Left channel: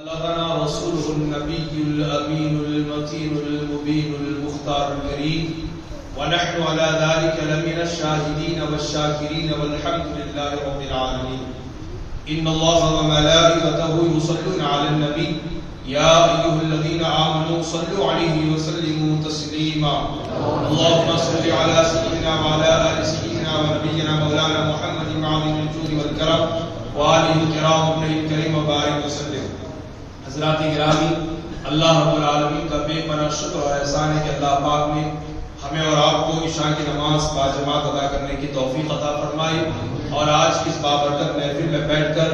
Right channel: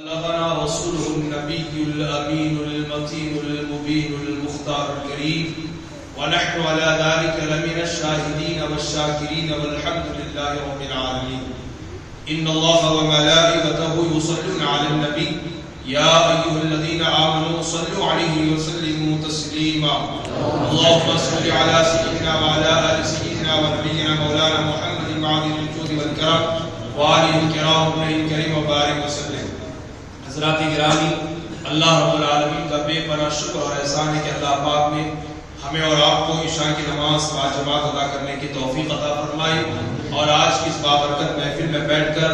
بلغنا رسوله النبي الأمين المتين المبين المختار الكريم ونحن على ذلك لمن الشاهدين والشاكرين والحمد لله رب العالمين. إن الله وملائكته يصلون على النبي يا أيها الذين آمنوا صلوا عليه وسلموا تسليما. اللهم صل على سيدنا وعلى آل سيدنا ونبينا مولانا محمد معظم الجود والكرم وآله الكرام وبره الكريم وبارك وسلم. حضرات گرامی، اللہ رب العالمین کا بے پناہ شکر اور احسان ہے کہ اللہ پاک نے ہمیں اور آپ کو عشاء کی نماز باجماعت ادا کرنے کی توفیق عطا فرمائی اور آج کی اس بابرکت محفل میں بیٹھ کر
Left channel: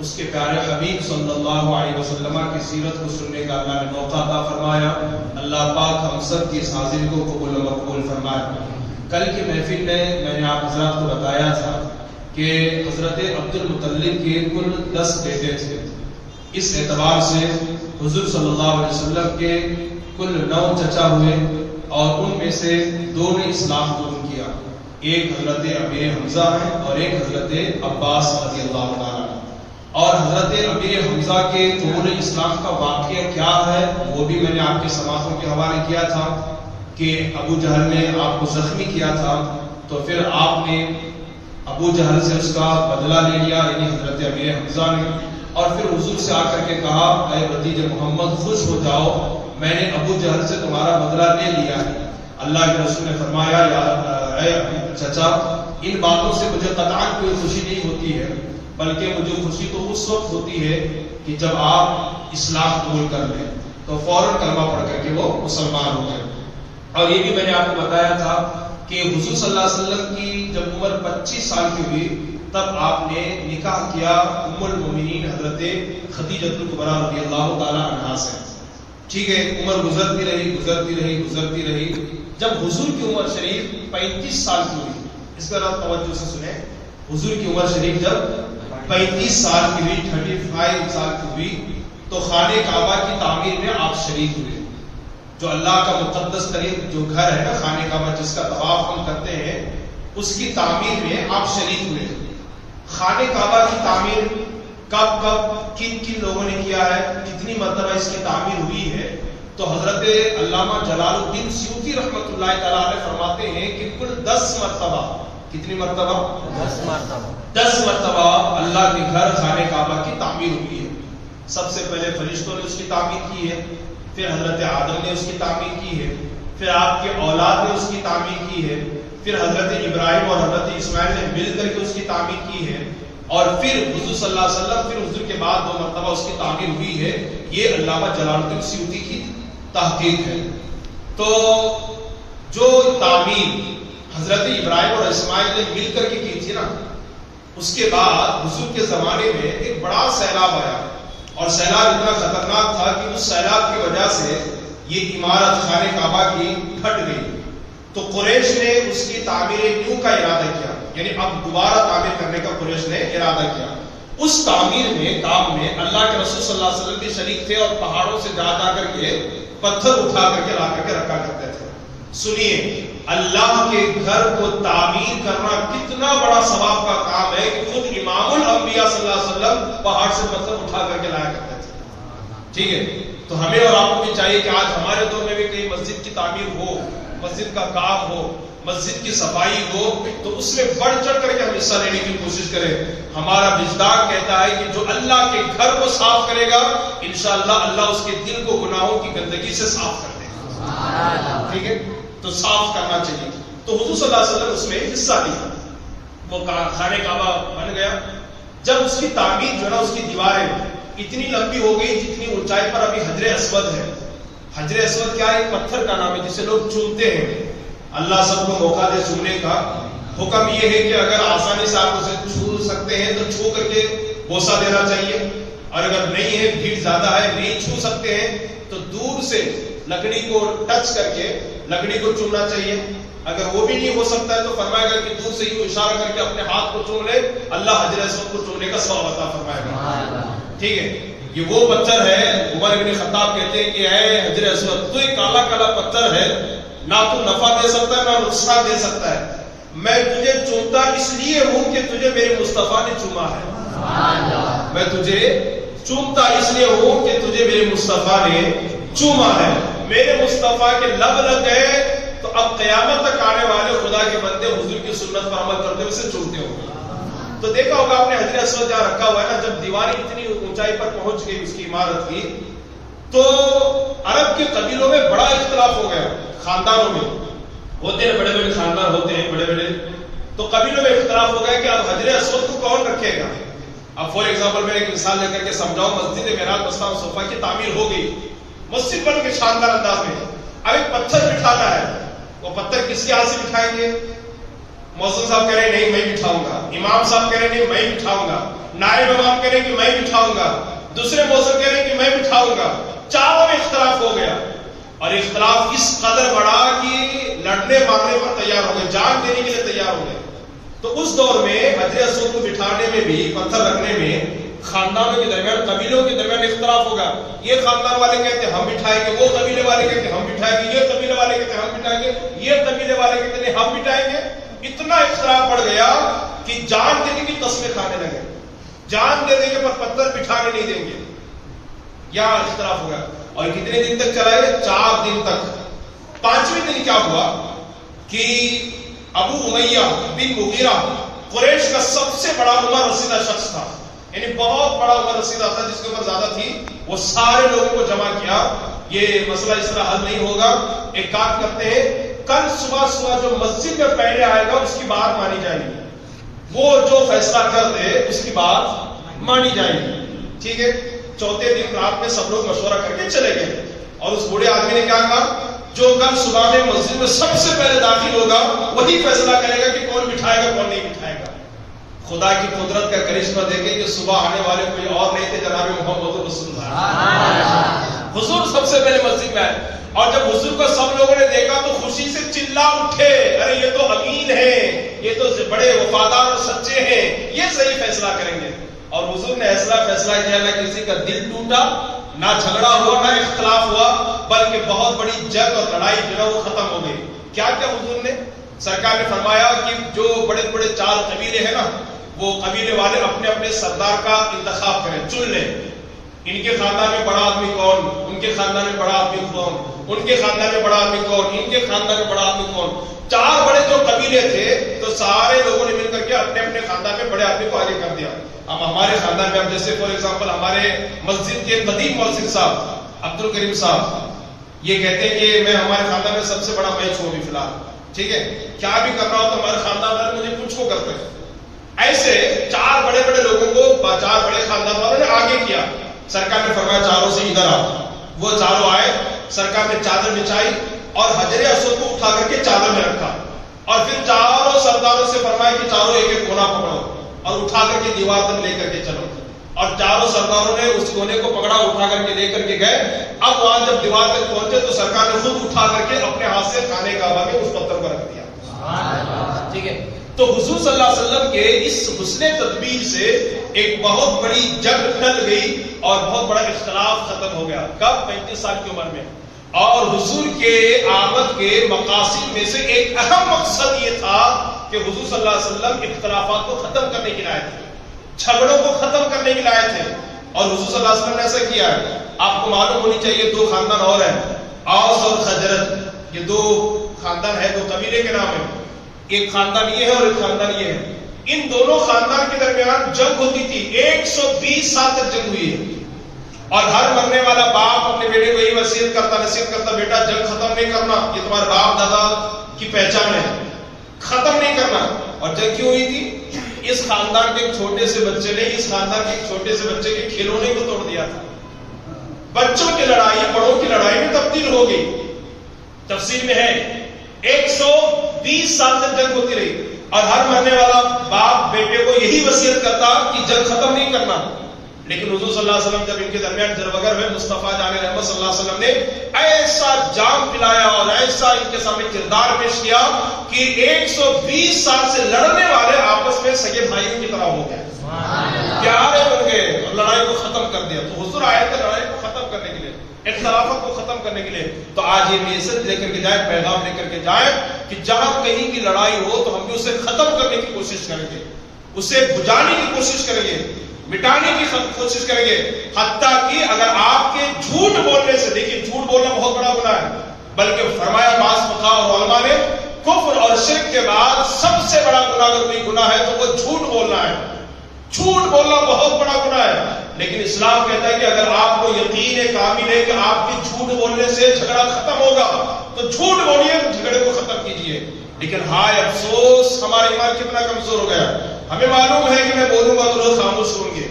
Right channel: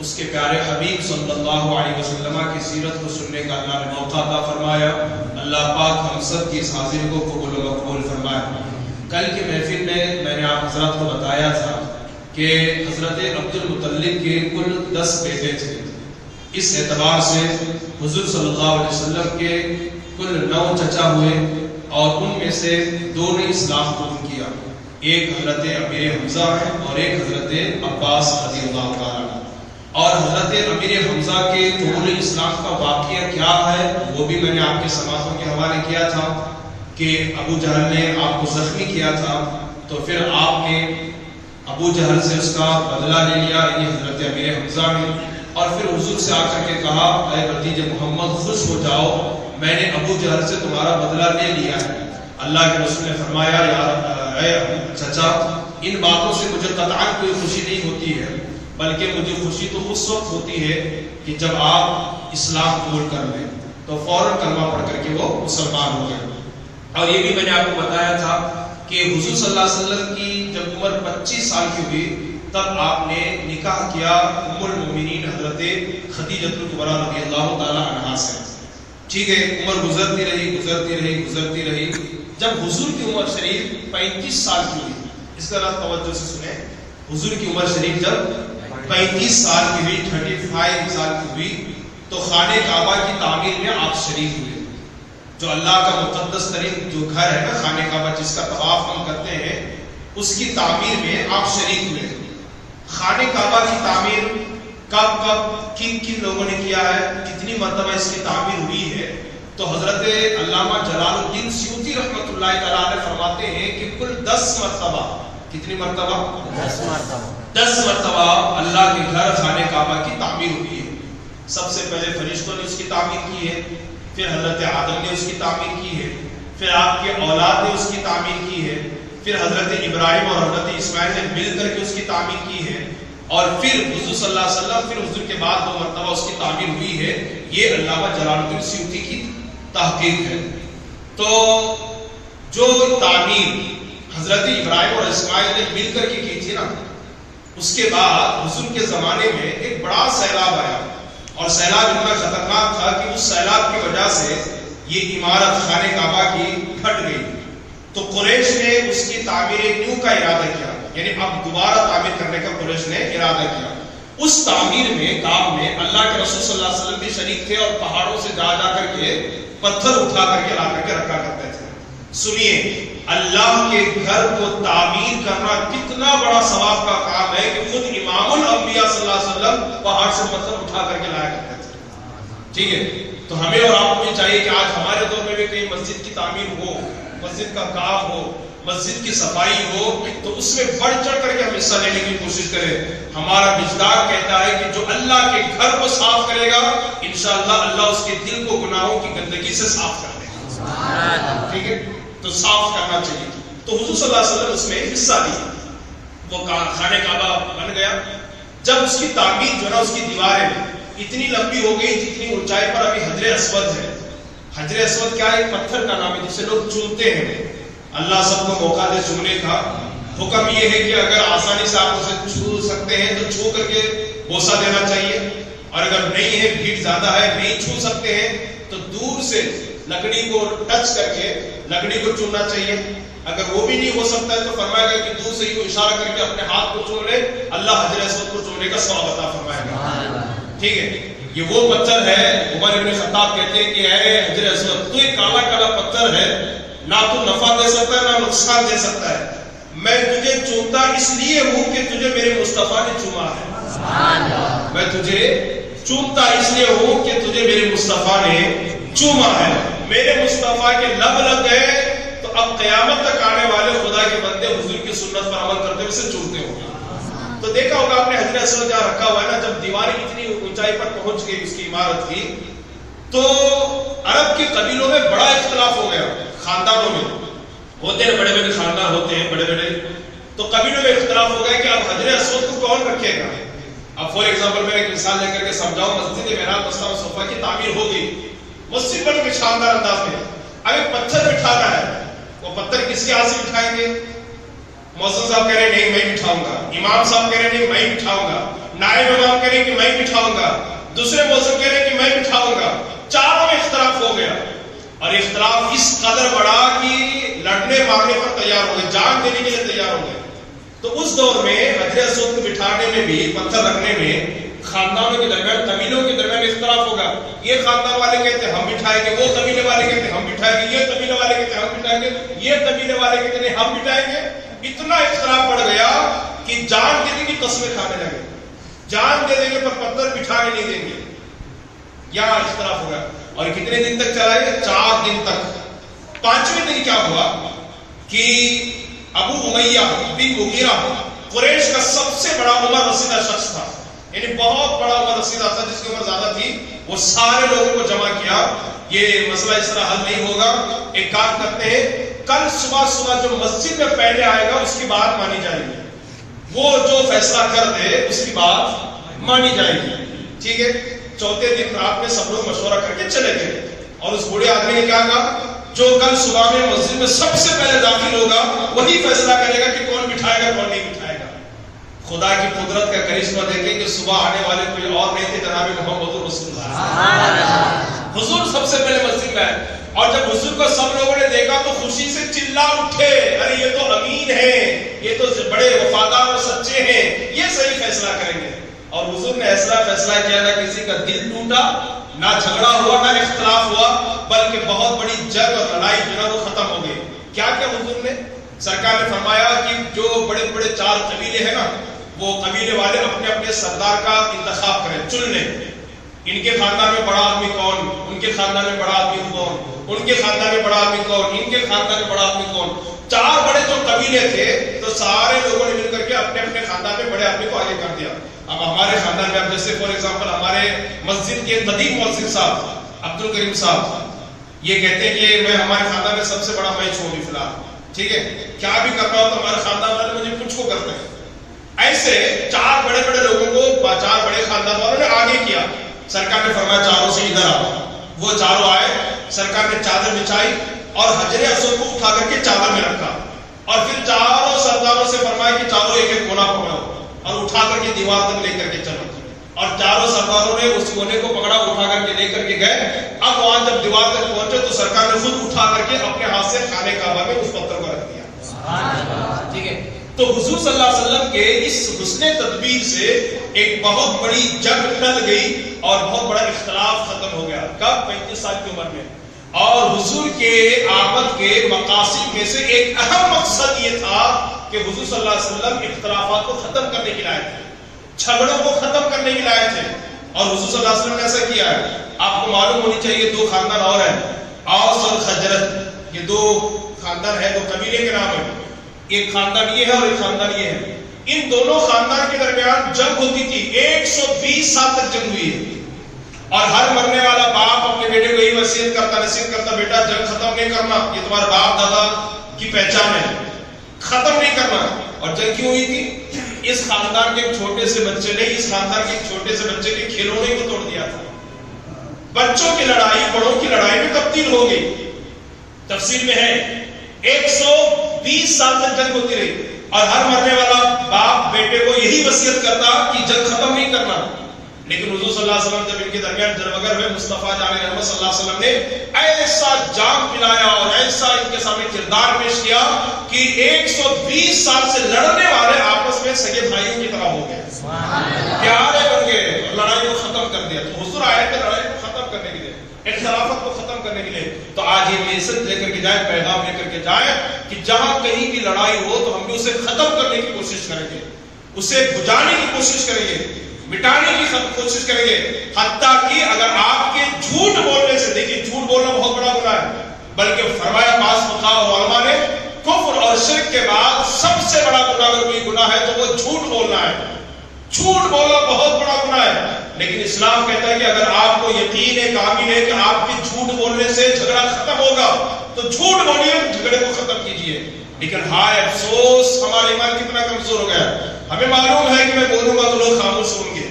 اس کے پیارے حبیب صلی اللہ علیہ وسلم کی سیرت کو سننے کا اللہ نے موقع عطا فرمایا. اللہ پاک ہم سب کی اس حاضر کو قبول و مقبول فرمائے. کل کی محفل میں نے آپ حضرات کو بتایا تھا کہ حضرت عبد المطلب کے کل 10 بیٹے تھے. اس اعتبار سے حضور صلی اللہ علیہ وسلم کے کل 9 چچا ہوئے اور ان میں سے 2 نے اسلام قبول کیا. ایک حضرت امیر حمزہ ہے اور ایک حضرت عباس رضی اللہ تعالیٰ. اور حضرت امیر حمزہ کے قبول اسلام کا واقعہ کیا ہے وہ بھی میں نے آپ کے سماعتوں کے حوالے کیا تھا کہ ابو جہل نے آپ کو زخمی کیا تھا تو پھر آپ نے ابو جہل سے اس کا بدلہ لے لیا، یعنی حضرت امیر حمزہ نے، اور پھر حضور سے آ کر کے کہا اے بھتیجے محمد خوش ہو جاؤ، میں نے ابو جہل سے تمہارا بدلہ لے لیا ہے. اللہ کے رسول نے فرمایا اے چچا، ان باتوں سے مجھے قطعاً کوئی خوشی نہیں ہوتی ہے، بلکہ مجھے خوشی تو اس وقت ہوتی ہے کہ جب آپ اسلام قبول کر لیں. تو فوراً کلمہ پڑھ کر کے وہ مسلمان ہو گئے. اور یہ بھی میں نے آپ کو بتایا تھا کہ حضور صلی اللہ علیہ وسلم کی جب عمر 25 سال کی ہوئی تب آپ نے نکاح کیا ام المومنین حضرت خدیجہ الکبریٰ رضی اللہ تعالی عنہا سے. ٹھیک ہے، عمر گزرتی رہی. جب حضور کی عمر شریف 35 سال کی ہوئی، اس کا توجہ سے سنیں، حضور کی عمر شریف جب 35 سال کی ہوئی، 35 سال کی ہوئی، تو خانہ کعبہ کی تعمیر میں آپ شریک ہوئے. جو اللہ کا مقدس ترین جو گھر ہے نا خانہ کعبہ، جس کا طواف ہم کرتے ہیں، اس کی تعمیر میں آپ شریک ہوئے. خانہ کعبہ کی تعمیر کب کن لوگوں نے کیا ہے، کتنی مرتبہ اس کی تعمیر ہوئی ہے؟ تو حضرت علامہ جلال الدین سیوطی رحمۃ اللہ تعالی علیہ فرماتے ہیں کہ کل 10 مرتبہ. کتنی مرتبہ؟ 10 مرتبہ اللہ کے گھر خانہ کعبہ کی تعمیر ہوئی ہے. سب سے پہلے فرشتوں نے اس کی تعمیر کی ہے، پھر حضرت آدم نے اس کی تعمیر کی ہے، پھر آپ کے اولاد نے اس کی تعمیر کی ہے، پھر حضرت ابراہیم اور حضرت اسماعیل نے مل کر کے اس کی تعمیر کی ہے، اور پھر حضور صلی اللہ علیہ وسلم، پھر حضور کے بعد 2 مرتبہ اس کی تعمیر ہوئی ہے. یہ علامہ جلال الدین سیوطی کی تحقیق ہے. تو جو تعمیر حضرت ابراہیم اور اسماعیل نے مل کر کے کی تھی نا، اس کے بعد حضور کے زمانے میں ایک بڑا سیلاب آیا، اور سیلاب اتنا خطرناک تھا کہ اس سیلاب کی وجہ سے یہ عمارت خانہ کعبہ کی پھٹ گئی. تو قریش نے اس کی تعمیر نیو کا ارادہ کیا، یعنی اب دوبارہ تعمیر کرنے کا قریش نے ارادہ کیا. اس تعمیر میں کام میں اللہ کے رسول صلی اللہ علیہ وسلم بھی شریک تھے، اور پہاڑوں سے جا کر کے پتھر اٹھا کر کے لا کر کے رکھا کرتے تھے. سنیے، اللہ کے گھر کو تعمیر کرنا کتنا بڑا ثواب کا کام ہے کہ خود امام الانبیاء صلی اللہ علیہ وسلم پہاڑ سے پتھر اٹھا کر کے لایا کرتے تھے. ٹھیک ہے، تو ہمیں اور آپ کو بھی چاہیے کہ آج ہمارے دور میں بھی کوئی مسجد کی تعمیر ہو، مسجد کا کام ہو، مسجد کی صفائی ہو، تو اس میں بڑھ چڑھ کر کے ہم حصہ لینے کی کوشش کریں. ہمارا وجدان کہتا ہے کہ جو اللہ کے گھر کو صاف کرے گا انشاءاللہ اللہ اس کے دل کو گناہوں کی گندگی سے صاف کر دے گا. ٹھیک ہے، تو صاف کرنا چاہیے. تو حضور صلی اللہ علیہ وسلم اس میں حصہ لیا. وہ خانہ کعبہ بن گیا. جب اس کی تعمیر جو نا، اس کی دیواریں اتنی لمبی ہو گئی جتنی اونچائی پر ابھی حجر اسود ہے. حجر اسود کیا ہے؟ ایک پتھر کا نام ہے جسے لوگ چومتے ہیں. اللہ سب کو موقع دے چومنے کا. حکم یہ ہے کہ اگر آسانی سے آپ اسے چھو سکتے ہیں تو چھو کر کے بوسہ دینا چاہیے، اور اگر نہیں ہے، بھیڑ زیادہ ہے، نہیں چھو سکتے ہیں، تو دور سے لکڑی کو ٹچ کر کے لکڑی کو چومنا چاہیے. اگر وہ بھی نہیں ہو سکتا ہے تو فرمائے گا کہ دور سے یوں اشارہ کر کے اپنے ہاتھ کو چوم لے، اللہ حجر اسود کو چومنے کا ثواب عطا فرمائے گا. ٹھیک ہے، یہ وہ پتھر ہے. عمر بن خطاب کہتے ہیں کہ اے حجر اسود، تو یہ کالا کالا پتھر ہے، نہ تو نفع دے سکتا ہے نہ نقصان دے سکتا ہے. میں تجھے چومتا اس لیے ہوں کہ تجھے میرے مصطفیٰ نے چوما ہے. میں تجھے چومتا اس لیے ہوں کہ تجھے میرے مصطفیٰ نے چوما ہے، میرے مصطفیٰ کے لب لگ گئے تو اب قیامت تک آنے والے خدا کے بندے حضور کی سنت پر عمل کرتے ہوئے سے چومتے ہوں گے۔ تو دیکھا ہوگا آپ نے حجر اسود جہاں رکھا ہوا ہے نا، جب دیوار اتنی اونچائی پر پہنچ گئی اس کی عمارت کی تو عرب کے قبیلوں میں بڑا اختلاف ہو گیا، خاندانوں میں ہوتے ہیں، بڑے بڑے خاندان ہوتے ہیں بڑے بڑے، تو قبیلوں میں اختلاف ہو گیا کہ اب حجر اسود کو کون رکھے گا۔ اب فور ایگزامپل میں ایک مثال لے کر کے سمجھاؤں، مسجد معراج مستعار صفا کی تعمیر ہو گئی، مسجد بن کے شاندار انداز میں، اب ایک پتھر بٹھانا ہے، وہ پتھر کس کے ہاتھ سے بٹھائیں گے؟ مؤذن صاحب کہہ رہے نہیں میں بٹھاؤں گا، امام صاحب کہہ رہے نہیں میں بٹھاؤں گا، نائب امام کہہ رہے کہ میں بٹھاؤں گا، دوسرے مؤذن کہہ رہے کہ میں بٹھاؤں گا، چاروں میں اختلاف ہو گیا، اور اختلاف اس قدر بڑا کہ لڑنے مارنے پر تیار ہو گئے، جان دینے کے لیے تیار ہو گئے۔ تو اس دور میں حجر اسود کو بٹھانے میں بھی، پتھر رکھنے میں خاندانوں کے درمیان، قبیلوں کے درمیان اختلاف ہوگا، یہ خاندان والے کہتے ہیں ہم بٹھائیں گے، وہ قبیلے والے کہتے ہیں ہم بٹھائیں گے، یہ قبیلے والے کہتے ہیں ہم بٹھائیں گے، یہ قبیلے والے کہتے ہیں ہم بٹھائیں گے۔ اتنا اختلاف بڑھ گیا کہ جان دینے کی قسمیں کھانے لگے، جان دے دیں گے پر پتھر بٹھانے نہیں دیں گے، یہاں اختلاف ہوگا۔ اور کتنے دن تک چلا ہے؟ 4 دن تک۔ 5ویں دن کیا ہوا کہ ابو امیہ بن مغیرہ قریش کا سب سے بڑا عمر رسیدہ شخص تھا، یعنی بہت بڑا عمر رسیدہ تھا، جس کی عمر زیادہ تھی، وہ سارے لوگوں کو جمع کیا، یہ مسئلہ اس طرح حل نہیں ہوگا، ایک کام کرتے ہیں، کل صبح جو مسجد میں پہلے آئے گا اس کی بات مانی جائے گی، وہ جو فیصلہ کر دے اس کی بات مانی جائے گی، ٹھیک ہے۔ 4تھے دن رات میں سب لوگ مشورہ کر کے چلے گئے، اور اس بوڑھے آدمی نے کیا کہا؟ جو کل صبح میں مسجد میں سب سے پہلے داخل ہوگا وہی فیصلہ کرے گا کہ کون بٹھائے گا کون نہیں بٹھائے گا۔ خدا کی قدرت کا کرشمہ دیکھیں کہ صبح آنے والے کوئی اور نہیں تھے، جناب محمد رسول اللہ، حضور سب سے پہلے مسجد میں آئے، اور جب حضور کو سب لوگوں نے دیکھا تو خوشی سے چلا اٹھے، ارے یہ تو امین ہیں، یہ تو بڑے وفادار اور سچے ہیں، یہ صحیح فیصلہ کریں گے۔ اور حضور نے ایسا فیصلہ کیا، نہ کسی کا دل ٹوٹا، نہ جھگڑا ہوا، نہ اختلاف ہوا، بلکہ بہت بڑی جنگ اور لڑائی جو نا وہ ختم ہو گئی۔ کیا کیا حضور نے؟ سرکار نے فرمایا کہ جو بڑے بڑے 4 قبیلے ہیں نا، وہ قبیلے والے اپنے اپنے سردار کا انتخاب کریں، چن لیں، ان کے خاندان میں بڑا آدمی کون، ان کے خاندان میں بڑا آدمی کون، ان کے خاندان میں بڑا آدمی کون، ان کے خاندان میں بڑا آدمی کون۔ 4 بڑے جو قبیلے تھے تو سارے لوگوں نے مل کر کے اپنے اپنے خاندان میں بڑے آدمی کو آگے کر دیا۔ اب ہمارے خاندان میں، اب جیسے فور ایگزامپل ہمارے مسجد کے قدیم مؤذن صاحب عبد الکریم صاحب یہ کہتے ہیں کہ میں ہمارے خاندان میں سب سے بڑا میں ہوں ابھی فی الحال، ٹھیک ہے، کیا بھی کر رہا ہوں تو ہمارے خاندان والے مجھے کچھ کو کرتے ہیں۔ ایسے 4 بڑے بڑے لوگوں کو 4 بڑے خاندان والوں نے آگے کیا۔ سرکار نے فرمایا چاروں سے ادھر آؤ، وہ چاروں آئے، سرکار نے چادر بچھائی اور حجر اسود کو اٹھا کر کے چادر میں رکھا، اور پھر چاروں سرداروں سے فرمایا کہ چاروں ایک ایک کونا پکڑو اور اٹھا کر کے دیوار تک لے کر کے چلو، اور چاروں سرداروں نے اس کونے کو پکڑا، اٹھا کر کے لے کر کے گئے۔ اب وہاں جب دیوار تک پہنچے تو سرکار نے خود اٹھا کر کے اپنے ہاتھ سے خانے کعبہ میں اس پتھر کو رکھ دیا، ٹھیک ہے۔ تو حضور صلی اللہ علیہ وسلم کے اس حسن تدبیر سے ایک بہت بڑی جنگ ٹل گئی اور بہت بڑا اختلاف ختم ہو گیا۔ کب؟ 35 سال کی عمر میں۔ اور حضور کے آمد کے مقاصد میں سے ایک اہم مقصد یہ تھا کہ حضور صلی اللہ علیہ وسلم اختلافات کو ختم کرنے کے لیے آئے تھے، جھگڑوں کو ختم کرنے کے لیے آئے تھے، اور حضور صلی اللہ علیہ وسلم نے ایسا کیا ہے۔ آپ کو معلوم ہونی چاہیے 2 خاندان اور ہیں، اوس اور خزرج، یہ 2 خاندان ہے، 2 قبیلے کے نام ہیں، ایک خاندان یہ ہے اور ایک خاندان یہ ہے۔ ان دونوں خاندان کے درمیان جنگ ہوتی تھی، 120 سال تک جنگ ہوئی ہے، اور ہر مرنے والا باپ اپنے بیٹے کو یہی وصیت کرتا، نصیحت کرتا، بیٹا جنگ ختم نہیں کرنا، یہ تمہارے باپ دادا کی پہچان ہے، ختم نہیں کرنا۔ اور جنگ کیوں ہوئی تھی؟ اس خاندان کے چھوٹے سے بچے نے اس خاندان کے چھوٹے سے بچے کے کھلونے کو توڑ دیا تھا۔ بچوں کی لڑائی بڑوں کی لڑائی میں تبدیل ہو گئی۔ تفسیر میں ہے 120 سال تک جنگ ہوتی رہی، اور ہر مرنے والا باپ بیٹے کو یہی وصیت کرتا کہ جنگ ختم نہیں کرنا۔ لیکن حضور صلی اللہ علیہ وسلم جب ان کے درمیان جربگر ہوئے، مصطفیٰ جان رحمت صلی اللہ علیہ وسلم نے ایسا جام پلایا اور ایسا ان کے سامنے کردار پیش کیا کہ 120 سال سے لڑنے والے آپس میں سگے بھائیوں کی طرح ہو گئے، پیارے بن گئے، اور لڑائی کو ختم کر دیا۔ تو حضور آئے تھے لڑائی کو ختم کرنے کے لیے، اختلافات کو ختم کرنے کے لیے۔ تو آج یہ میسج لے کر کے جائیں، پیغام لے کر کے جائیں کہ جہاں کہیں بھی لڑائی ہو تو ہم بھی اسے ختم کرنے کی کوشش کریں گے، اسے بجھانے کی کوشش کریں گے، مٹانے کی کوشش کریں گے، حتیٰ کہ اگر آپ کے بلکہ فرمایا بعض فقہاء اور علماء نے کفر اور شرک کے بعد سب سے بڑا گناہ اگر کوئی گناہ ہے تو وہ جھوٹ بولنا ہے. جھوٹ بولنا بہت بڑا گناہ ہے. لیکن اسلام کہتا ہے کہ اگر آپ کو یقین ہے کامل ہے کہ آپ کے جھوٹ بولنے سے جھگڑا ختم ہوگا تو جھوٹ بولیے, جھگڑے کو ختم کیجیے. لیکن ہائے افسوس ہمارا ایمان کتنا کمزور ہو گیا. ہمیں معلوم ہے کہ میں بولوں گا تو لوگ خاموش ہوں گے,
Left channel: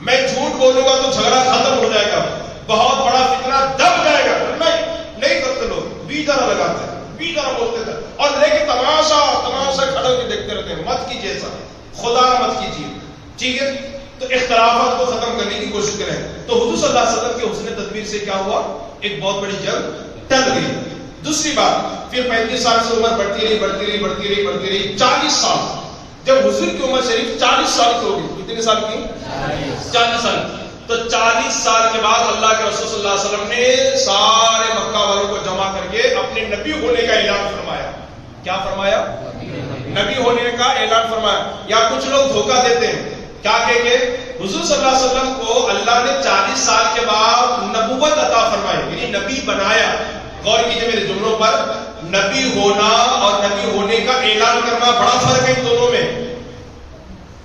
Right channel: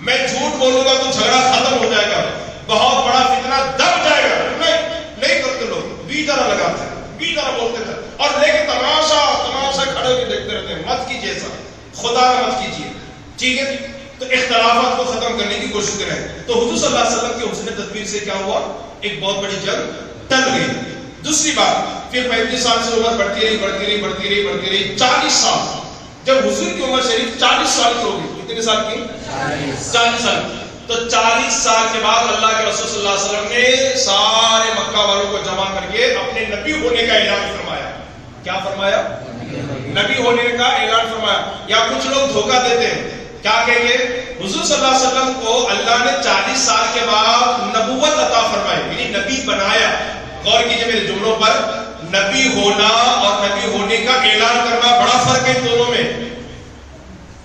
میں جھوٹ بولوں گا تو جھگڑا ختم ہو جائے گا, بہت بڑا فتنہ دب جائے گا. نہیں کرتے لوگ, بی طرح لگاتے ہیں, بی طرح بولتے تھے اور لیکن تماشا کھڑے ہو کے دیکھتے رہتے ہیں. مت کیجیے ایسا, خدا نہ مت کیجیے. ٹھیک ہے, تو اختلافات کو ختم کرنے کی کوشش کریں. تو حضور صلی اللہ علیہ وسلم کے حسن تدبیر سے کیا ہوا, ایک بہت بڑی جنگ ٹل گئی. دوسری بات, پھر 35 سال سے عمر بڑھتی رہی 40 سال. جب حضور کی عمر شریف 40 سال کی ہو گئی, کتنے سال کی, 40 سال کی, تو 40 سال کے بعد اللہ کے رسول صلی اللہ علیہ وسلم نے سارے مکہ والوں کو جمع کر کے اپنے نبی ہونے کا اعلان فرمایا. کیا فرمایا, نبی ہونے کا اعلان فرمایا. یا کچھ لوگ دھوکہ دیتے ہیں, کیا کہیں گے, حضور صلی اللہ علیہ وسلم کو اللہ نے 40 سال کے بعد نبوت عطا فرمائی, یعنی نبی بنایا. غور کیجئے میرے جملوں پر, نبی ہونا اور نبی ہونے کا اعلان کرنا بڑا فرق ہے ان دونوں میں.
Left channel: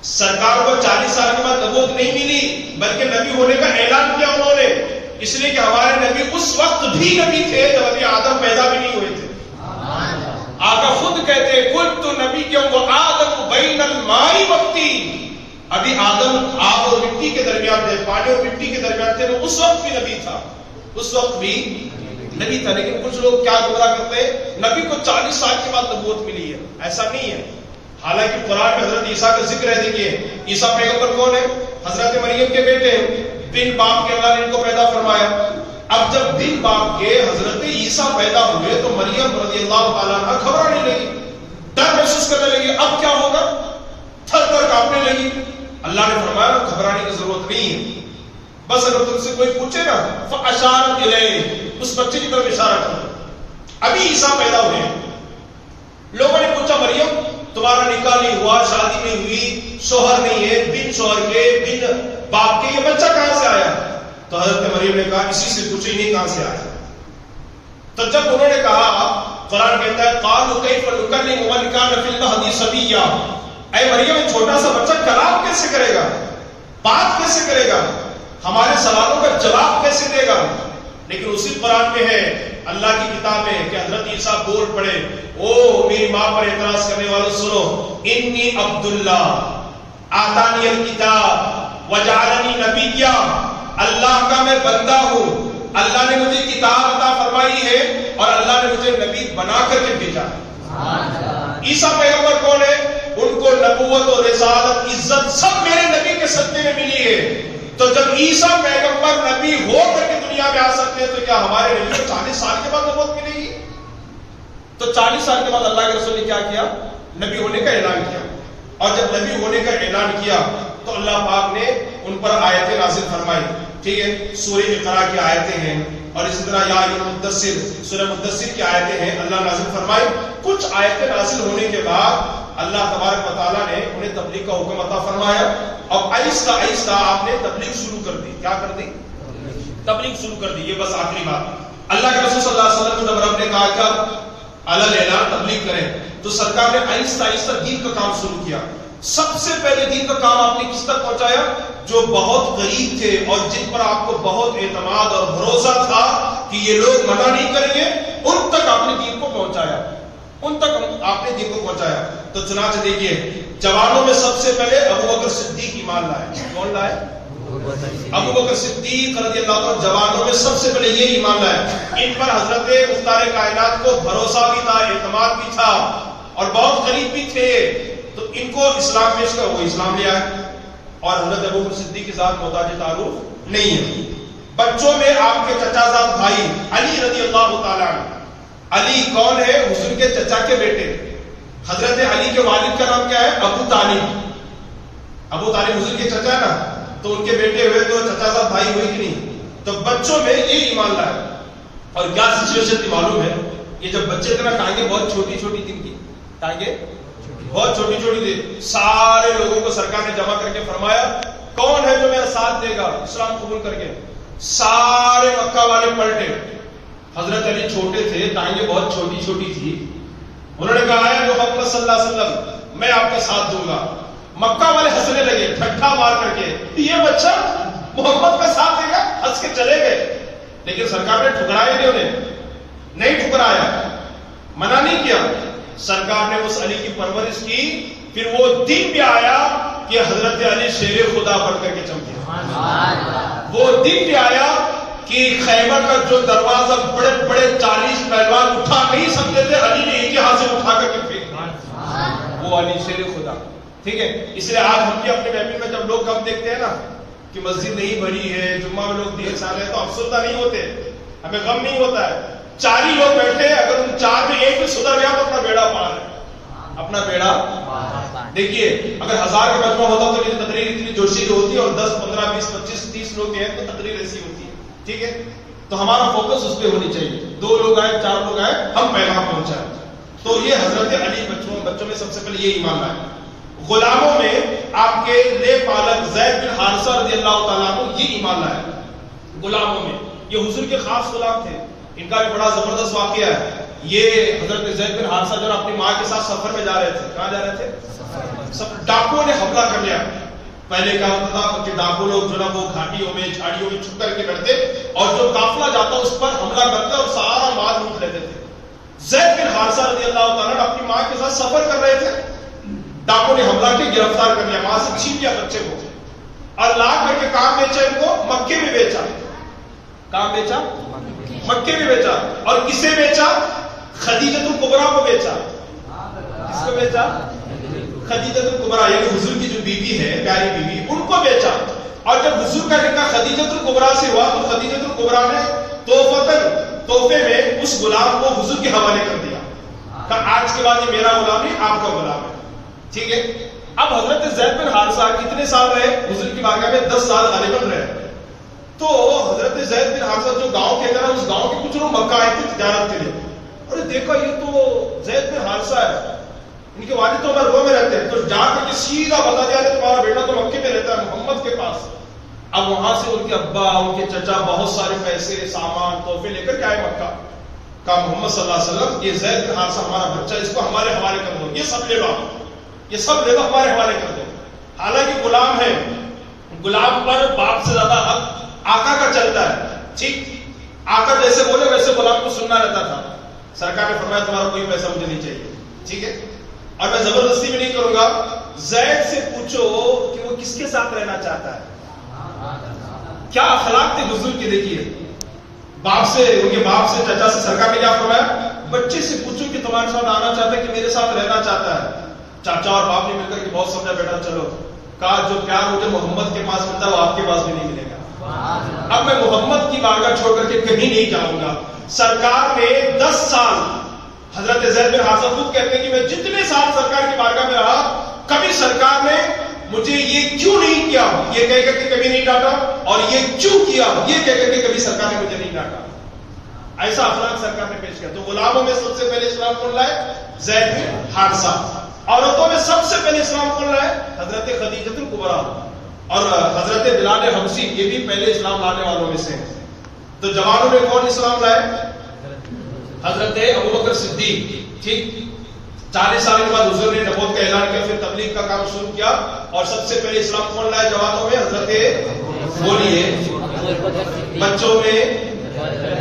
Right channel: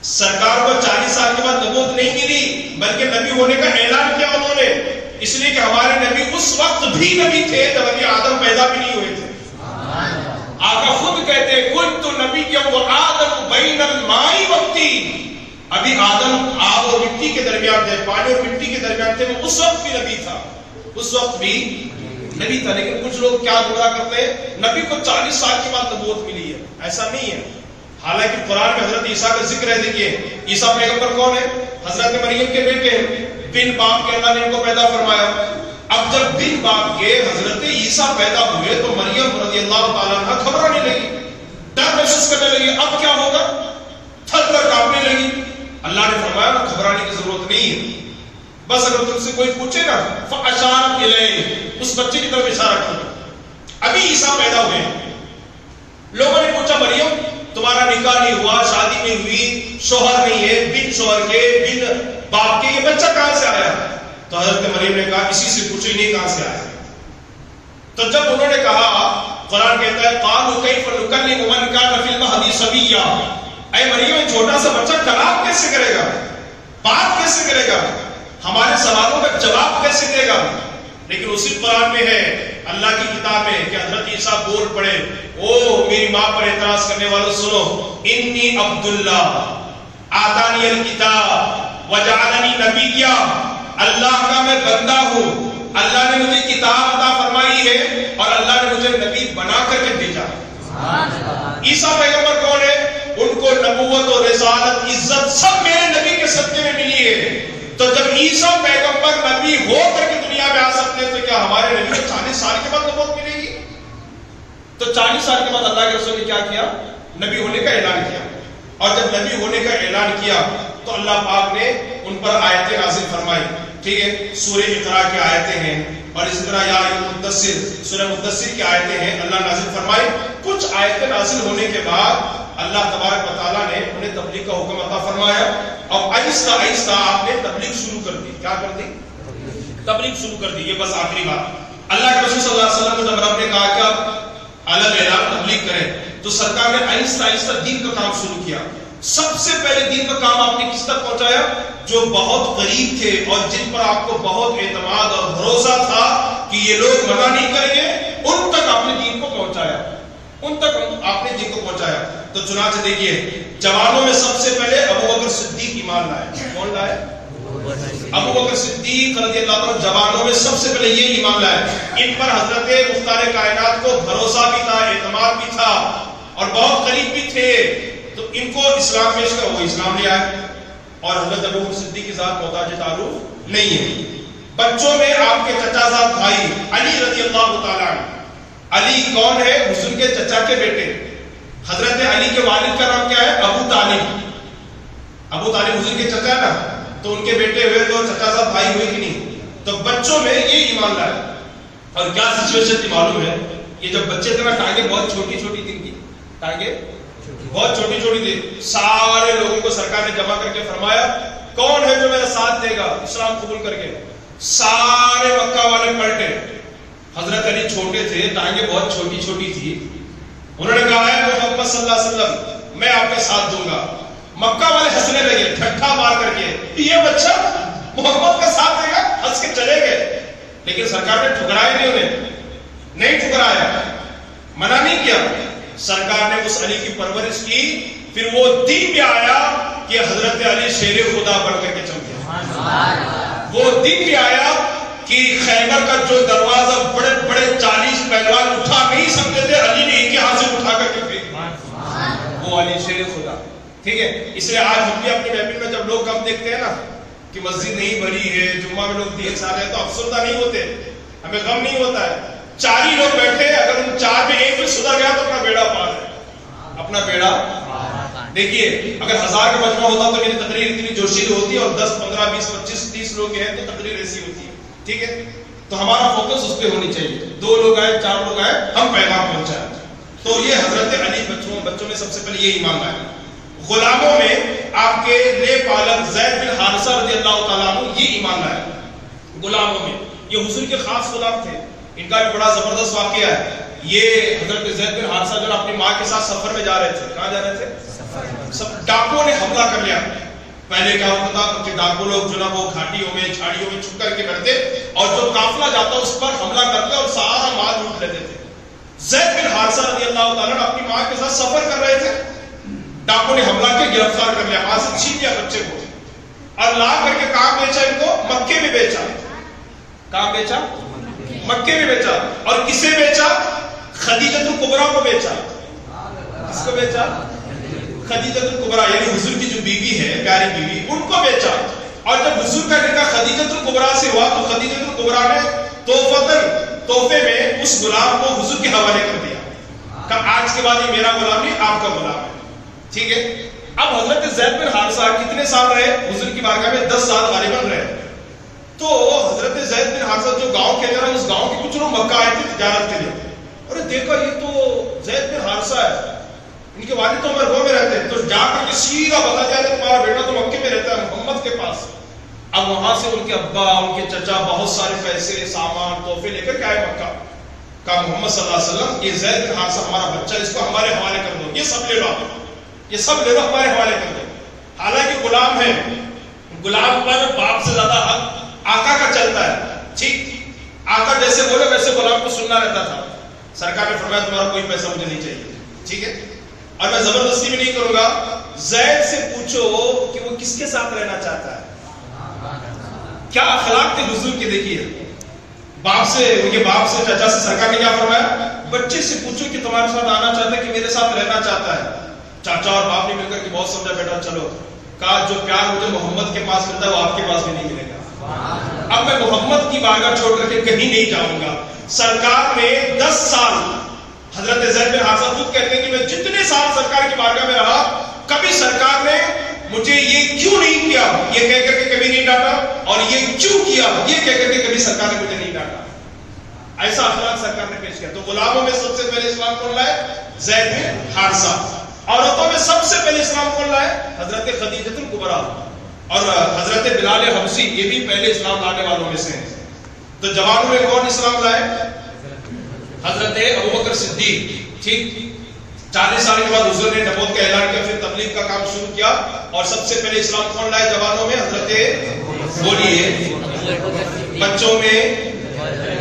سرکار کو 40 سال کے بعد نبوت نہیں ملی بلکہ نبی ہونے کا اعلان کیا انہوں نے, اس لیے کہ ہمارے نبی اس وقت بھی نبی تھے جب ابھی آدم پیدا بھی نہیں ہوئے تھے. آقا خود کہتے ہیں کنت نبیّا وآدم بین الماء والطین, ابھی آدم آگ اور مٹی کے درمیان تھے, پانی اور مٹی کے درمیان تھے, وہ اس وقت بھی نبی تھا, اس وقت بھی نبی تھا. لیکن کچھ لوگ کیا گمراہ کرتے ہیں, نبی کو 40 سال کے بعد نبوت ملی ہے. ایسا نہیں ہے. حالانکہ قرآن میں حضرت عیسیٰ کا ذکر ہے. دیکھیے عیسیٰ پیغمبر کون ہے, حضرت مریم کے بیٹے ہیں, بن باپ کے اللہ نے ان کو پیدا فرمایا. اب جب بن باپ کے حضرت عیسیٰ پیدا ہوئے تو مریم رضی اللہ تعالیٰ عنہ گھبرانے لگی, ڈر محسوس کرنے لگی, اب کیا ہوگا, تھر تھر کانپنے لگی. اللہ نے فرمایا نا گھبرانے کی ضرورت نہیں ہے, بس اگر تم سے کوئی پوچھے نا فاشارت الیہ, اس بچے کی طرف اشارہ کرو. ابھی عیسیٰ پیدا ہوئے, لوگوں نے پوچھا مریم تمہارا نکاح نہیں ہوا, شادی نہیں ہوئی, شوہر نہیں ہے, بن شوہر کے بن باپ کے, یہ بچہ کہاں سے آیا؟ تو حضرت مریم نے کہا اسی سے پوچھو نہیں کہاں سے آیا. تو جب انہوں نے کہا, قرآن کہتا ہے قالوا کیف نکلم من کان فی المہد صبیا, اے مریم چھوٹا سا بچہ کلام کیسے کرے گا, بات کیسے کرے گا, ہمارے سوالوں کا جواب کیسے دے گا. لیکن اسی قرآن میں ہے, اللہ کی کتاب ہے کہ حضرت عیسیٰ بول پڑے, او میری ماں پر اعتراض کرنے والوں سنو, انی عبداللہ آتانی الکتاب وجعلنی نبیّا, اللہ کا میں بندہ ہوں, اللہ نے مجھے کتاب عطا فرمائی ہے اور اللہ نے مجھے نبی بنا کر کے بھیجا ہے. عیسیٰ پیغمبر کون ہے, ان کو نبوت اور رسالت عزت سب میرے نبی کے صدقے میں ملی ہے. تو جب عیسیٰ پیغمبر نبی ہو کر کے دنیا میں آ سکتے ہیں تو کیا ہمارے نبی کو 40 سال کے بعد نبوت ملے گی؟ تو 40 سال کے بعد اللہ کے رسول نے کیا کیا, نبی ہونے کا اعلان کیا. اور جب نبی ہونے کا اعلان کیا تو اللہ پاک نے ان پر آیتیں نازل فرمائی. ٹھیک ہے, سورہ اقرا کی آیتیں ہیں اور اسی طرح یا مدثر, سورہ مدثر کی آیتیں ہیں, اللہ نازل فرمائی. کچھ آیتیں نازل ہونے کے بعد اللہ تبارک و تعالیٰ نے انہیں تبلیغ کا حکم عطا فرمایا. اب آہستہ آہستہ آپ نے تبلیغ شروع کر دی. کیا کر دی, تبلیغ شروع کر دی. یہ بس آخری بات, اللہ کے رسول صلی اللہ علیہ وسلم کو جب رب نے کہا کہ آپ علل اعلان تبلیغ کریں تو سرکار نے آہستہ آہستہ دین کا کام شروع کیا. سب سے پہلے دین کا کام آپ نے کس تک پہنچایا, جو بہت قریب تھے اور جن پر آپ کو بہت اعتماد اور بھروسہ تھا کہ یہ لوگ منع نہیں کریں گے, ان تک آپ نے دین کو پہنچایا, ان تک آپ نے دین کو پہنچایا. تو چنانچہ دیکھیے جوانوں میں سب سے پہلے ابو بکر صدیق ایمان لائے. کون لائے, ابو بکر صدیق رضی اللہ عنہ جوانوں میں سب سے پہلے یہ ایمان لائے. ان پر حضرت مختار کائنات کو بھروسہ بھی تھا, اعتماد بھی تھا اور بہت قریب بھی تھے. تو ان کو اسلام پیش کر وہ اسلام لے آئے. اور حضرت ابو بکر صدیق کے ساتھ محتاج تعارف نہیں ہے. بچوں میں آپ کے چچا زاد بھائی علی رضی اللہ تعالیٰ عنہ. علی کون ہے, حضور کے چچا کے بیٹے. حضرت علی کے والد کا نام کیا ہے, ابو طالب. ابو طالب حضور کے چچا نا, تو ان کے بیٹے ہوئے تو چچا زاد بھائی ہوئے کہ نہیں. تو بچوں میں یہ ایمان لائے. اور کیا سچویشن تھی معلوم ہے, یہ جب بچے تھے نا ٹانگیں بہت چھوٹی چھوٹی تھی, ان کی ٹانگیں بہت چھوٹی چھوٹی تھی. سارے لوگوں کو سرکار نے جمع کر کے فرمایا کون ہے جو میرا ساتھ دے گا اسلام قبول کر کے. سارے مکہ والے پلٹے. حضرت علی چھوٹے تھے، ٹانگیں بہت چھوٹی چھوٹی تھی. انہوں نے کہا ہے محمد صلی اللہ علیہ وسلم میں آپ کا ساتھ دوں گا. مکہ والے ہنسنے لگے ٹھٹھا مار کر کے، یہ بچہ محمد کا ساتھ دے گا، ہنس کے چلے گئے. لیکن سرکار نے ٹھکرایا نہیں، انہیں نہیں ٹھکرایا، منع نہیں کیا. سرکار نے اس علی کی پرورش کی. پھر وہ دن بھی آیا کہ حضرت علی شیر خدا بن کر کے چمکے. وہ دن بھی آیا کہ خیبر کا جو دروازہ بڑے بڑے 40 پہلوان اٹھا نہیں سکتے تھے، علی نے ایک ہاتھ سے اٹھا کر کے پھینکا. وہ علی شیر خدا. ٹھیک ہے، اس لیے آج ہم بھی اپنے محفل میں جب لوگ کم دیکھتے ہیں نا کہ مسجد نہیں بھری ہے، جمعہ میں لوگ ڈھیر سارے ہیں، تو افسردہ نہیں ہوتے، ہمیں غم نہیں ہوتا ہے. 4 ہی لوگ بیٹھے، اگر ان 4 میں ایک بھی سدھر گیا تو اپنا بیڑا پار ہے، اپنا بیڑا. دیکھیے اگر 1000 کا مجمع ہوتا تو میری تقریر اتنی جوشیلی ہوتی ہے، اور 10 15 20 25 30 لوگ ہیں تو تقریر ایسی ہوتی ہے. ٹھیک ہے، تو ہمارا فوکس اس پہ ہونی چاہیے. 2 لوگ آئے 4 لوگ آئے، ہم پیغام پہنچائیں. تو یہ حضرت علی بچوں میں سب سے پہلے یہ ایمان لائے. غلاموں میں آپ کے لے پالک زید بن حارثہ رضی اللہ تعالیٰ عنہ یہ ایمان لائے. غلاموں میں یہ حضور کے خاص غلام تھے. ان کا بھی بڑا زبردست واقعہ ہے. یہ حضرت زید بن حارثہ جو اپنی ماں کے ساتھ سفر میں جا رہے تھے. کہاں جا رہے تھے؟ ڈاکوؤں نے حملہ کر لیا. پہلے کیا ہوتا تھا کہ ڈاکو لوگ جو نا وہ گھاٹیوں میں جھاڑیوں میں چھپ کر کے بیٹھتے اور جو قافلہ جاتا اس پر حملہ کرتے اور سارا مال لوٹ لیتے تھے. زید بن حارثہ رضی اللہ تعالیٰ اپنی ماں کے ساتھ سفر کر رہے تھے. ڈاکو نے حملہ کے گرفتار کر لیا، ماں سے چھین لیا بچے کو اور لا کر کے کہاں بیچا؟ ان کو مکے میں بیچا. کہاں بیچا؟ مکے میں بیچا. اور کسے بیچا؟ خدیجہ الکبریٰ کو بیچا. کس کو بیچا؟ خدیجہ الکبریٰ، یعنی حضور کی جو بیوی ہے، پیاری بیوی، ان کو بیچا. اور جب حضور کا نکاح خدیجہ الکبریٰ سے ہوا تو خدیجہ الکبریٰ نے تحفے میں اس غلام کو حضور کے حوالے کر دیا کہ آج کے بعد یہ میرا غلام نہیں، آپ کا غلام ہے. ٹھیک ہے. اب حضرت زید بن حارثہ کتنے سال رہے حضور کی بارگاہ میں؟ 10 سال غالباً رہے. تو حضرت زید بن حارثہ جو گاؤں کے اندر، اس گاؤں کے کچھ لوگ مکہ آئے تھے تجارت کے لیے. اور دیکھا یہ تو زید بن حارثہ ہے، ان کے والد تو عمر گاؤں میں رہتے ہیں. تو جا کر کے سیدھا بتا دیا کہ تمہارا بیٹا تو مکے میں رہتا ہے محمد کے پاس. اب وہاں سے ان کے ابا، ان کے چچا بہت سارے پیسے، سامان، تحفے لے کر کے آئے مکہ. کہا محمد صلی اللہ علیہ وسلم یہ زید بن حارثہ ہمارا بچہ، اس کو ہمارے حوالے کر دو، یہ سب لے لو، یہ سب لے لو ہمارے حوالے کر دو. حالانکہ غلام ہے، غلام پر باپ سے زیادہ حق آقا کا چلتا ہے. ٹھیک، آقا جیسے بولے ویسے غلام کو سننا رہتا تھا. سرکار نے فرمایا تمہارا کوئی پیسہ مجھے نہیں چاہیے. ٹھیک ہے، اور میں زبردستی بھی نہیں کروں گا. زید سے پوچھو کہ وہ کس کے ساتھ رہنا چاہتا ہے. کیا اخلاق تھے حضور کے. دیکھیے باپ سے، ان کے باپ سے، چچا سے سرکار نے کیا فرمایا؟ بچے سے پوچھو کہ تمہارے ساتھ آنا چاہتا ہے کہ میرے ساتھ رہنا چاہتا ہے. چاچا اور باپ نے مل کر کے بہت سمجھا بیٹا چلو. کہا جو پیار مجھے محمد کے پاس ملتا ہے وہ آپ کے پاس بھی نہیں ملے گا. اب میں محمد کی بارگاہ چھوڑ کر کے کہیں نہیں جاؤں گا. سرکار نے 10 سال، حضرت زید بن حارثہ خود کہتے ہیں کہ میں جتنے سال سرکار کی بارگاہ میں رہا کبھی سرکار نے مجھے یہ کیوں نہیں کیا یہ کہہ کر کے کبھی نہیں ڈانٹا، اور یہ کیوں کیا یہ کہہ کر کے کبھی سرکار نے مجھے نہیں ڈانٹا. ایسا اخلاق سرکار نے پیش کیا. تو غلاموں میں سب سے پہلے اسلام کون لائے؟ زید بن حارثہ. عورتوں میں سب سے پہلے اسلام کون لائے؟ حضرت خدیجہ الکبریٰ. اور حضرت بلال حبشی یہ بھی پہلے اسلام لانے والوں میں سے ہیں. تو جوانوں میں کون اسلام لائے؟ حضرت ابوبکر صدیق. ٹھیک، 40 سال کے بعد حضور نے نبوت کا اعلان کیا، پھر تبلیغ کا کام شروع کیا. اور سب سے پہلے اسلام کون لائے جوانوں میں؟ حضرت، بولیے، بچوں میں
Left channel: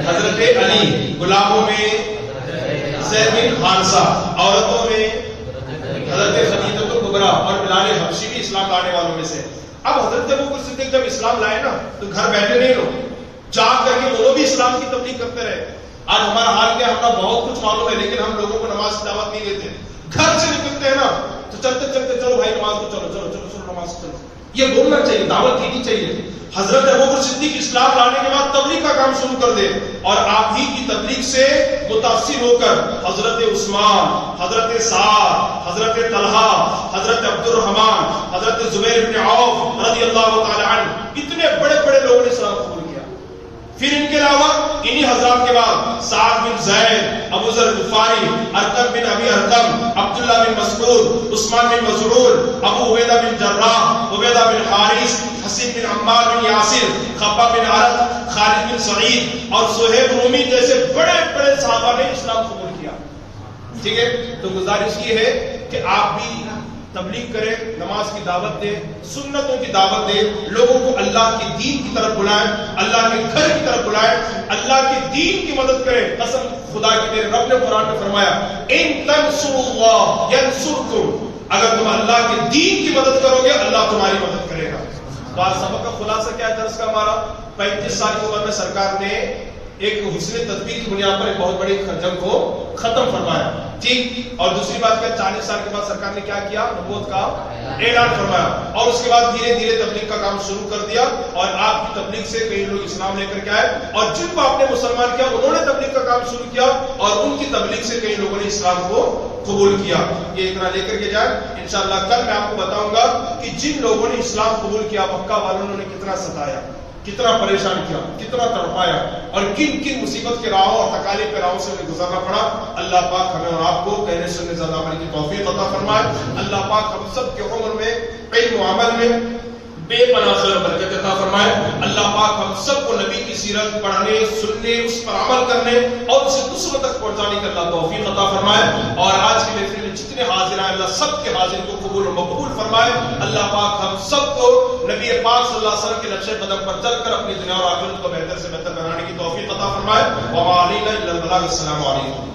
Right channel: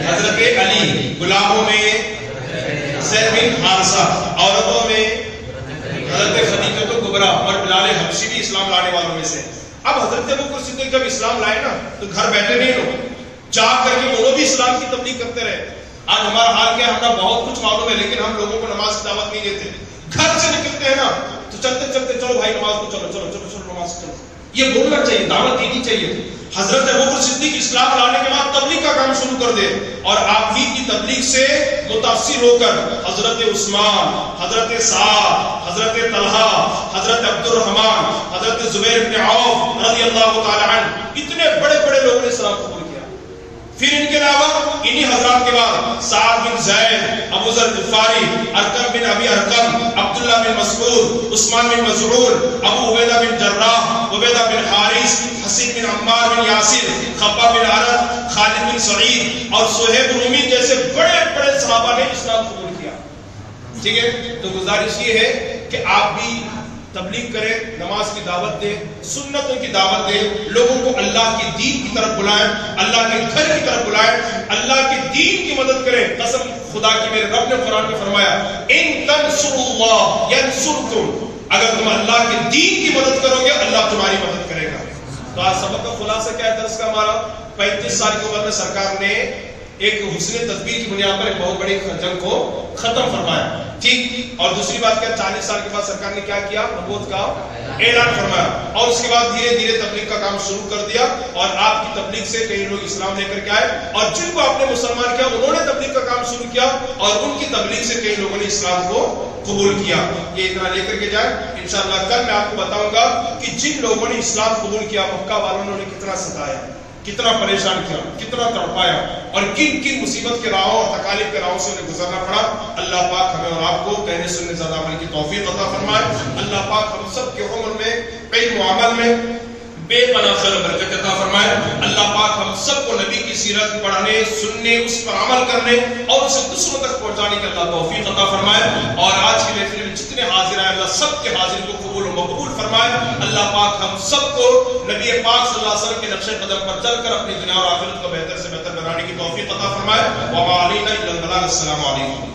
حضرت علی، غلاموں میں زید بن حارثہ، عورتوں میں حضرت خدیجہ الکبریٰ، اور بلال حبشی بھی اسلام لانے والوں میں سے. اب حضرت ابوبکر صدیق جب اسلام لائے نا تو گھر بیٹھے نہیں لوگ، جا کر کے وہ بھی اسلام کی تبلیغ کرتے رہے. آج ہمارا حال کیا؟ ہمیں بہت کچھ معلوم ہے لیکن ہم لوگوں کو نماز کی دعوت نہیں دیتے. گھر سے نکلتے ہیں نا تو چلتے چلتے چلو بھائی نماز کو، چلو چلو چلو چلو نماز چلو، یہ بولنا چاہیے، دعوت دینی چاہیے. حضرت ابوبکر صدیق اسلام لانے کے بعد تبلیغ کا کام شروع کر دے، اور آپ ہی کی تبلیغ سے متاثر ہو کر حضرت عثمان، حضرت سعد، حضرت طلحہ، حضرت عبد الرحمن، حضرت زبیر بن عوف رضی اللہ تعالی عنہ، اتنے بڑے بڑے لوگوں نے اسلام قبول کیا. پھر ان کے علاوہ انہی حضرات کے بعد سعد بن زید، ابو ذر غفاری، ارقم بن ابی ارقم، عبداللہ بن مسعود، عثمان بن مظعون، ابو عبیدہ بن جراح، عبیدہ بن حارث، حسین بن عمار بن یاسر، خباب بن عرد، خالد بن سعید اور صہیب رومی جیسے بڑے بڑے صحابہ نے اسلام قبول کیا. ٹھیک ہے، تو گزارش یہ ہے کہ آپ بھی تبلیغ کریں، نماز کی دعوت دیں، سنتوں کی دعوت دیں، لوگوں کو اللہ کے دین کی طرف بلائیں، اللہ کے گھر کی طرف بلائیں، اللہ کے دین کی مدد کریں. قسم خدا کی میرے رب نے قرآن میں فرمایا ان تنصروا اللہ ینصرکم، اگر تم اللہ کے دین کی مدد کرو گے اللہ تمہاری مدد کرے گا. تو آج سبق کا خلاصہ کیا ہے درس کا ہمارا؟ 35 سال کی عمر میں سرکار نے ایک حسن تدبیر کی بنیاد پر ایک بہت بڑی جنگ کو ختم فرمایا. ٹھیک، اور دوسری بات کیا، 40 سال کے بعد سرکار نے کیا کیا؟ نبوت کا اعلان فرمایا. اور اس کے بعد دھیرے دھیرے تبلیغ کا کام شروع کر دیا، اور آپ کی تبلیغ سے کئی لوگ اسلام لے کر کے آئے، اور جن کو آپ نے مسلمان کیا انہوں نے تبلیغ کا کام شروع کیا، اور ان کی تبلیغ سے کئی لوگوں نے اسلام کو قبول کیا. یہ اتنا لے کر کے جائیں. انشاءاللہ کل میں آپ کو بتاؤں گا کہ جن لوگوں نے اسلام قبول کیا مکہ والوں نے کتنا ستایا، کتنا پریشان کیا، کتنا تڑپایا، اور کن کن مصیبت کے راہوں اور تکالیف کے راہوں سے انہیں گزرنا پڑا. اللہ پاک ہمیں اور آپ کو کہنے سننے زیادہ عمل کی توفیق عطا فرمائے. اللہ پاک ہم سب کی عمر میں، علم و عمل میں بے پناہ خیر و برکت عطا فرمائے. اللہ پاک ہم سب کو نبی کی سیرت پڑھنے، سننے، اس پر عمل کرنے اور اسے دوسروں تک پہنچانے کا اللہ توفیق عطا فرمائے. اور آج کے محفل میں جتنے حاضر ہیں اللہ سب کے حاضری کو قبول و مقبول فرمائے. اللہ پاک ہم سب کو نبی پاک صلی اللہ علیہ وسلم کے نقش قدم پر چل کر اپنی دنیا اور آخرت کو بہتر سے بہتر بنانے کی توفیق عطا فرمائے. وما علینا الا البلاغ. السلام علیکم.